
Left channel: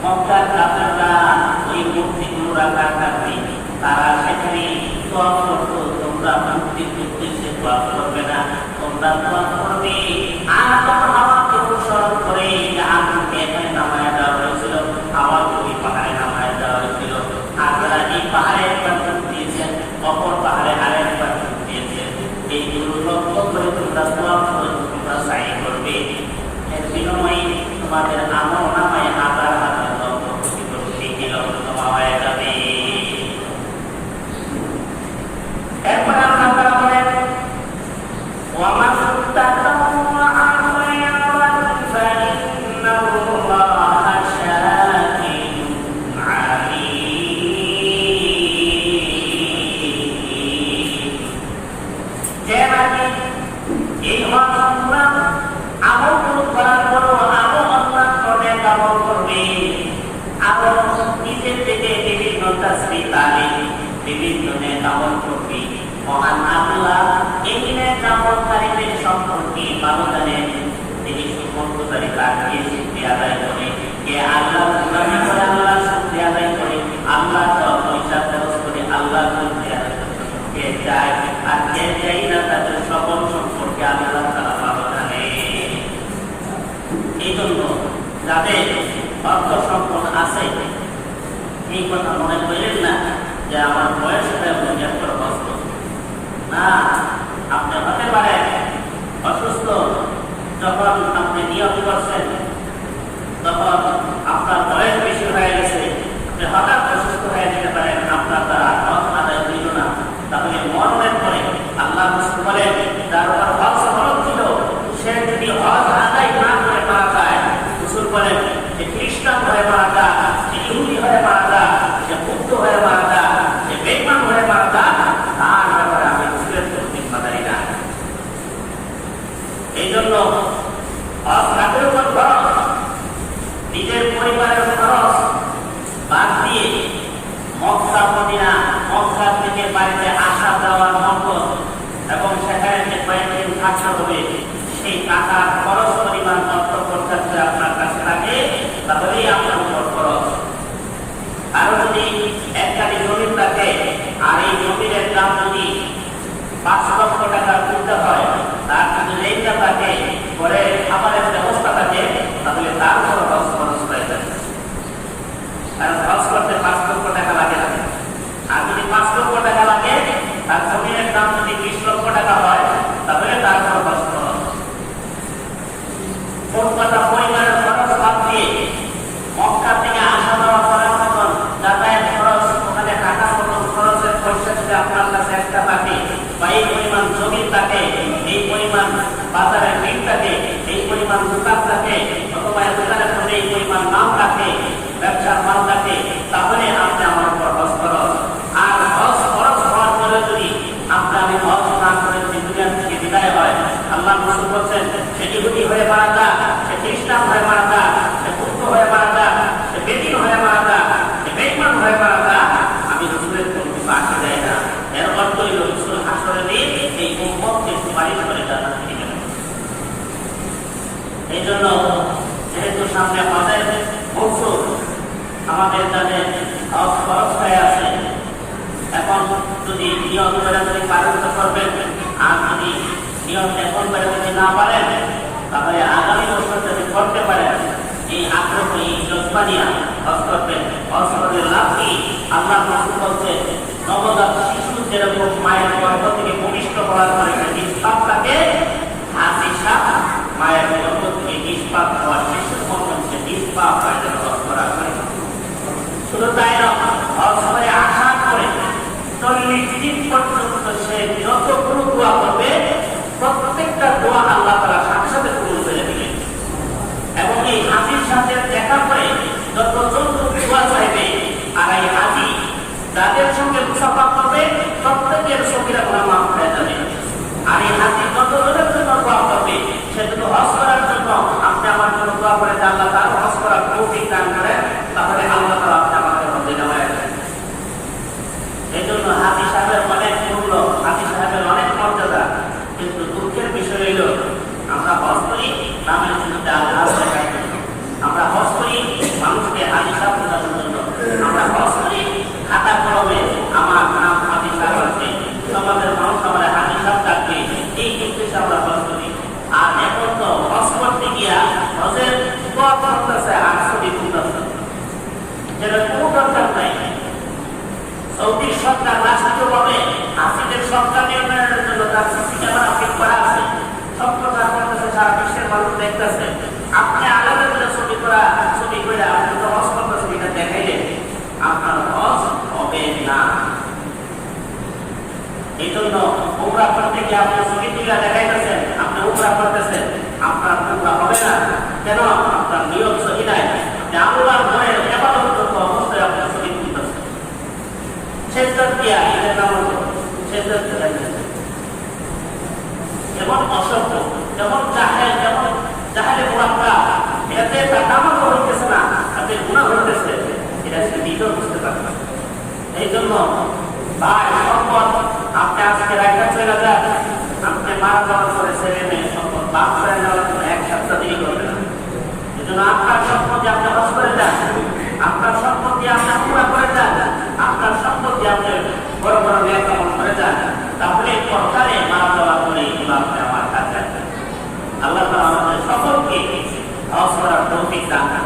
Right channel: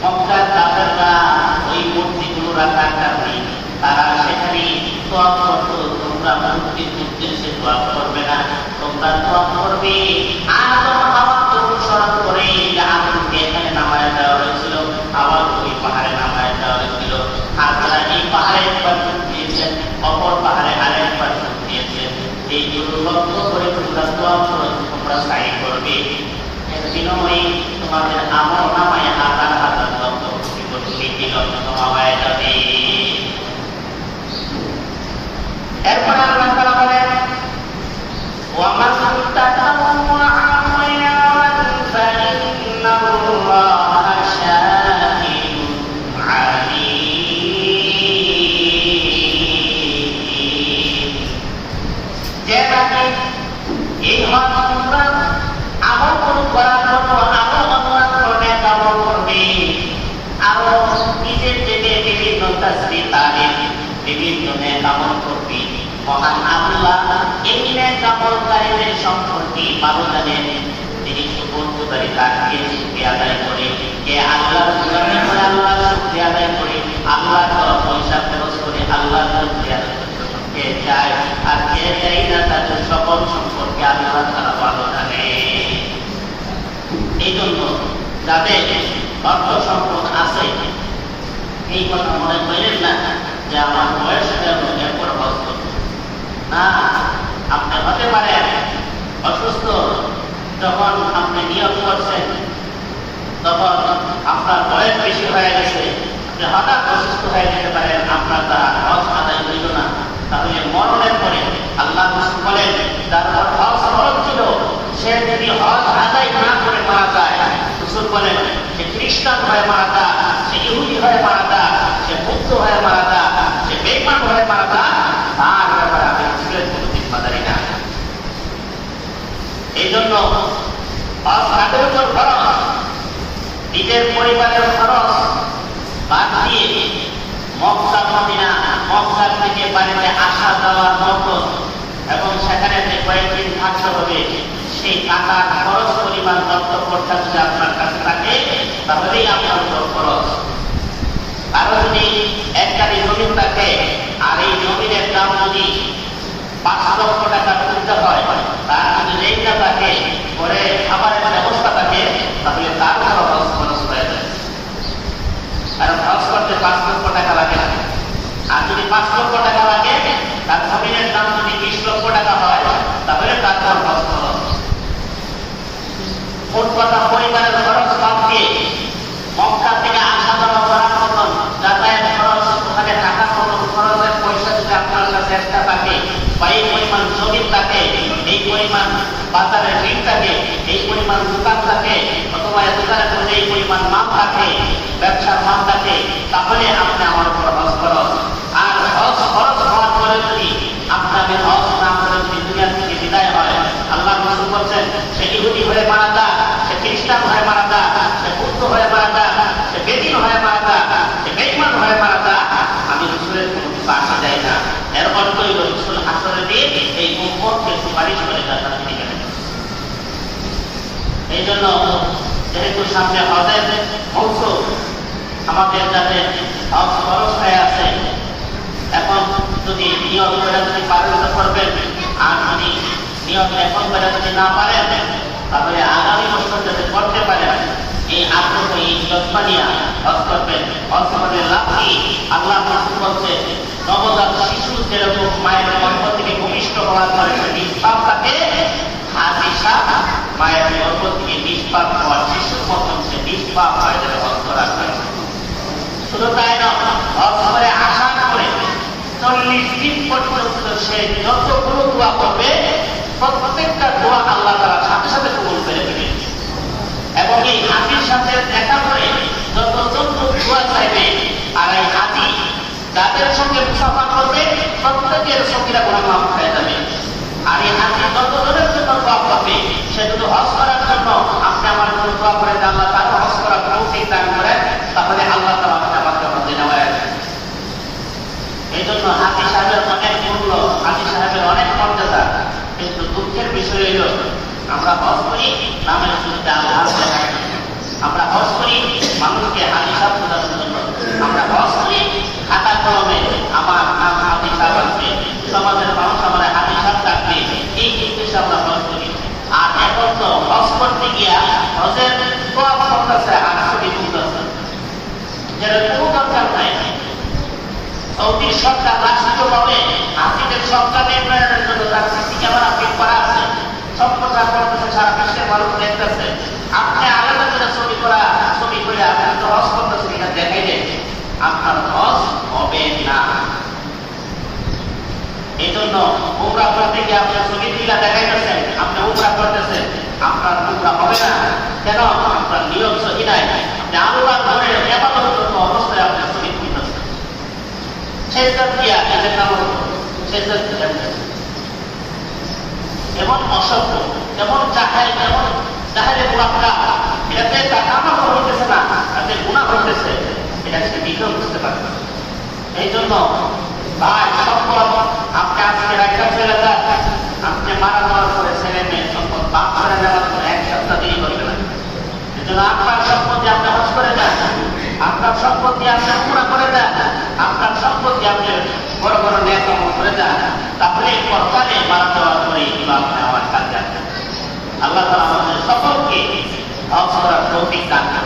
মক্কার কাফেররা ওই মূর্তিগুলো রাখার কারণে তারা সেখানে দোয়া করতো, তোমরা মূর্তির উদ্দেশ্যে দোয়া করবে না, তোমরা দোয়া করবে আদম হাওয়াকে অনুসরণ করে। যে আদমকে এখানে নামায় দেওয়া হয়েছিল, হাওয়াকে ওই পাহাড়ে নামায় দেওয়া হয়েছিল, আর তারা এই পাহাড়ে একবার দিয়েছেন, অপর পাহাড়ে আরেকবার দিয়েছেন। এই দুটো লক্ষ্য করে তোমরা দোয়া করে তোমরা সাই করবে, এর বিনিময়ে তোমাদের আমল নামায় হাজার হাজার লক্ষ কোটি লক্ষ হয়ে যাবে। এরপরে আল্লাহ তাআলা বলেন ওয়া মান তাতাওয়া খায়রান ফাইন্নাল্লাহা শাকিরুন আলীম। যে ব্যক্তি এই হজ উমরা আমল করার পর আরো অন্যান্য নেক আমল করবে, আরো নিজের থেকে বিভিন্ন তাসবিহ তাহলিল বিভিন্ন নেক আমল করবে, মহান আল্লাহ এই নেক আমলকারীদের সম্পর্কে ভালো জানেন। তিনি সুবর্ণকারী তাকে শুকরিয়া আদায় করে, কে আল্লাহ শুকরিয়া করে আল্লাহ শুকরিয়া আদায় করে, আল্লাহ পয়সা খরচ করে আল্লাহ শুকরিয়া কে চায়, আর কে চাই না তাদের সকল সম্পর্কে আল্লাহ তাআলা ভালো জানে। এই জন্য যাদের অর্থ সম্পদ আছে এই কথা মনে করেন না যে আমার বয়স এরপর হজ করব না। আপনি হতে পারেন অসুস্থ, যখন আপনি নিয়ত করছেন তখন আপনার বয়স বেশি হয়ে গেছে, আপনি হঠাৎ অসুস্থ হয়ে যেতে পারেন, আপনার দ্বারা হজ আদায় হইল না। তাহলে মরণের পরে আল্লাহ রাসূল বলেন যার উপর হজ ফরজ ছিল সে যদি হজ আদায় না করে মারা যায়, রাসূল বলেন সে খ্রিস্টান হয়ে মারা যায়, সে ইহুদি হয়ে মারা যায়, সে মুক্ত হয়ে মারা যায়, সে বেঈমান হয়ে মারা যায়, তার ব্যাপারে আমি মুসলিম কোনো জিম্মাদারি নাই। এই জন্য হজ তাদের উপর ফরজ, নিজের পরিবারের খরচ বাদ দিয়ে মক্কা মদিনা, মক্কা থেকে বাড়িতে আসা যাওয়ার নগদ এবং সেখানে যে কয়েকদিন থাকতে হবে সেই টাকার খরচ পরিমাণ কর্তব্যটা যদি আপনার কাছে থাকে তাহলেই আপনার উপর খরচ। আরো যদি একটা জমি থাকে আর এই জমির দাম যদি 5 লক্ষ টাকার উঠতে হয়, তার যদি রেটটা থাকে পরে খাবারের ব্যবস্থা থাকে, তাহলে তার উপর হজ খরচ হয়ে যায়। কারণ হজ করতে 5 লক্ষ টাকা লাগে না। আর যদি 5 লক্ষ টাকা লাগে, তার জমির দাম যদি 20 লক্ষ টাকা হয়, তাহলে তার উপর হজ খরচ। মোট কথা পরিবারের খরচ বাদ দিয়ে মক্কা থেকে আসা যাওয়া করার মতন যাতায়াত খরচ, ওখানে থাকার মতন খরচের পয়সা যদি আপনার কাছে একটা থাকে বা এই পরিমাণ জমি থাকে, এই পরিমাণ বাজারের ঋণ থাকে, এই পরিমাণ দোকান থাকে, অথবা দোকানের সঙ্গে এই পরিমাণ মাল থাকে, ব্যবসার মাল থাকে, তাহলে আপনি আমার উপর হজ খরচ। আর হজ খরচ হওয়ার পরে যদি আপনাকে হজ না করে যদি দুনিয়া থেকে বিদায় হয়, আল্লাহ রাসূল বলছেন সে ইহুদি হয়ে মারা যায়, সে খ্রিস্টান হয়ে মারা যায়, সে বুদ্ধ হয়ে মারা যায়, সে বেদিন হয়ে মারা যায়, সে বেঈমান হয়ে মারা যায়, আমি রাসূলের কোনো কিছু আসে যায় না। এর অর্থ হইল রাসূল হাসরের দিন এই উম্মতকে সুপারিশ করে জান্নাতে নিয়ে যাবেন। এই জন্য যেহেতু সামনে হজের মৌসুম, আমাদের যাতে হজ খরচ হয়ে আছে, এখন যদি নিয়ত করে যদি পালন করবেন, আর যদি নিয়ত এখন করে যদি না পারেন, তাহলে আগামী বছর যাতে করতে পারেন এই আগ্রহ, এই যত্ন নিয়ে হজ করবেন। হজ করলে লাভ কি? আল্লাহ রাসূল বলছে নবজাত শিশু যেরকম মায়ের গর্ভ থেকে ভূমিষ্ঠ হওয়ার পরে নিষ্পাপ থাকে, হাজি সাপ মায়ের গর্ভ থেকে নিষ্পাপ হওয়ার শিশুর মতন সে নিষ্পাপ হয়ে যাবে হজ করার পরে। শুধু তাই নয়, হজ করে আসার পরে 40 দিন পর্যন্ত সে যতগুলো দোয়া করবে প্রত্যেকটা দোয়া আল্লাহ তাআলা সাথে সাথে কবুল করে দিবেন। এবং এই হাজির সাথে দেখা করে যতজন দোয়া চাইবে, আর এই হাজি যাদের সঙ্গে মুসাফা করবে প্রত্যেকের সঙ্গীরা গুনাহ মাফ হয়ে যাবে। আর এই হাজি যতজনের জন্য দোয়া করবে, সে যদি হজ করার জন্য আপনি আমার জন্য দোয়া করে আল্লাহ তার হজ করার তৌফিক দান করেন, তাহলে আল্লাহ তাআলা আমাকে হজে নেওয়ায়। এই জন্য হাজি সাহেবের অনেক মূল্য, হাজি সাহেবের অনেক মর্যাদা। কিন্তু দুঃখের বিষয় হলো আমরা হজ করি নামের শুরুতে আল্লাহ, আমরা হজ করি মানুষকে হাজি সাহেব বোঝানোর জন্য, আমরা হজ করি খাতা কলমে আমার নাম হাজি সাহেব আছে, সমাজের মানুষ আমার হাজি সাহেব ডাকবে, এই উদ্দেশ্যে আমরা হজ করি। আর এখন তো হজ করতে গিয়া হজের সব করতেছে 800 করতেছে, যেটা কোনো দরকার নাই। সৌদির সরকার রাষ্ট্রীয়ভাবে হাসিদের সরকার নির্মাণের জন্য তার সিসি ক্যামেরা ফিট করা আছে, সব প্রচার করতেছে, সারা বিশ্বের মানুষ দেখতেছে। আপনি আলাদা করে ছবি করে আপনি তো হজ করতেছেন, এটা দেখাই যায় আপনার হজ হবে না। এই জন্য উমরা করতে গিয়ে আপনি ছবি তুলে দেখাইতেছেন আপনি উমরা করতেছেন, আপনার উমরা হবে না। কেন? আপনার নিয়ম সহি নাই। আপনি আল্লাহর ঘরে ইবাদতরত অবস্থায় আপনি ছবি তুলতেছেন, সেজদা দিয়া এটা কারণ সেজদা এমন অসভ্য, এমন জাহেলে মুনাফিক, এটাতে তার নামাজ হইতেছে না, তাদের গুনাহ হইতেছে, এটা সে নিজেও বুঝতে পারবে। এই জন্য ভাই সম্পদ আপনি আজকে রাখা চলে যান, আপনি মারা যাওয়ার পরে ছেলে মেয়ে সম্পদ বাদ করে নেওয়ার পরে 1 সপ্তাহ দেরি করবেন। এই জন্য আপনার সম্পত্তি আপনি হজ করে যান, আপনার সম্পত্তি আপনি পুরা করে যান, আপনার সম্পত্তি আপনি বড় বড় নেক আমল করে যান, তাহলে পরকালে মারা যাওয়ার পরে ইমাম নেওয়ার কাজ আছে। আল্লাহ তাআলা আমাদের সকলকে হজ করার তৌফিক দান করুন।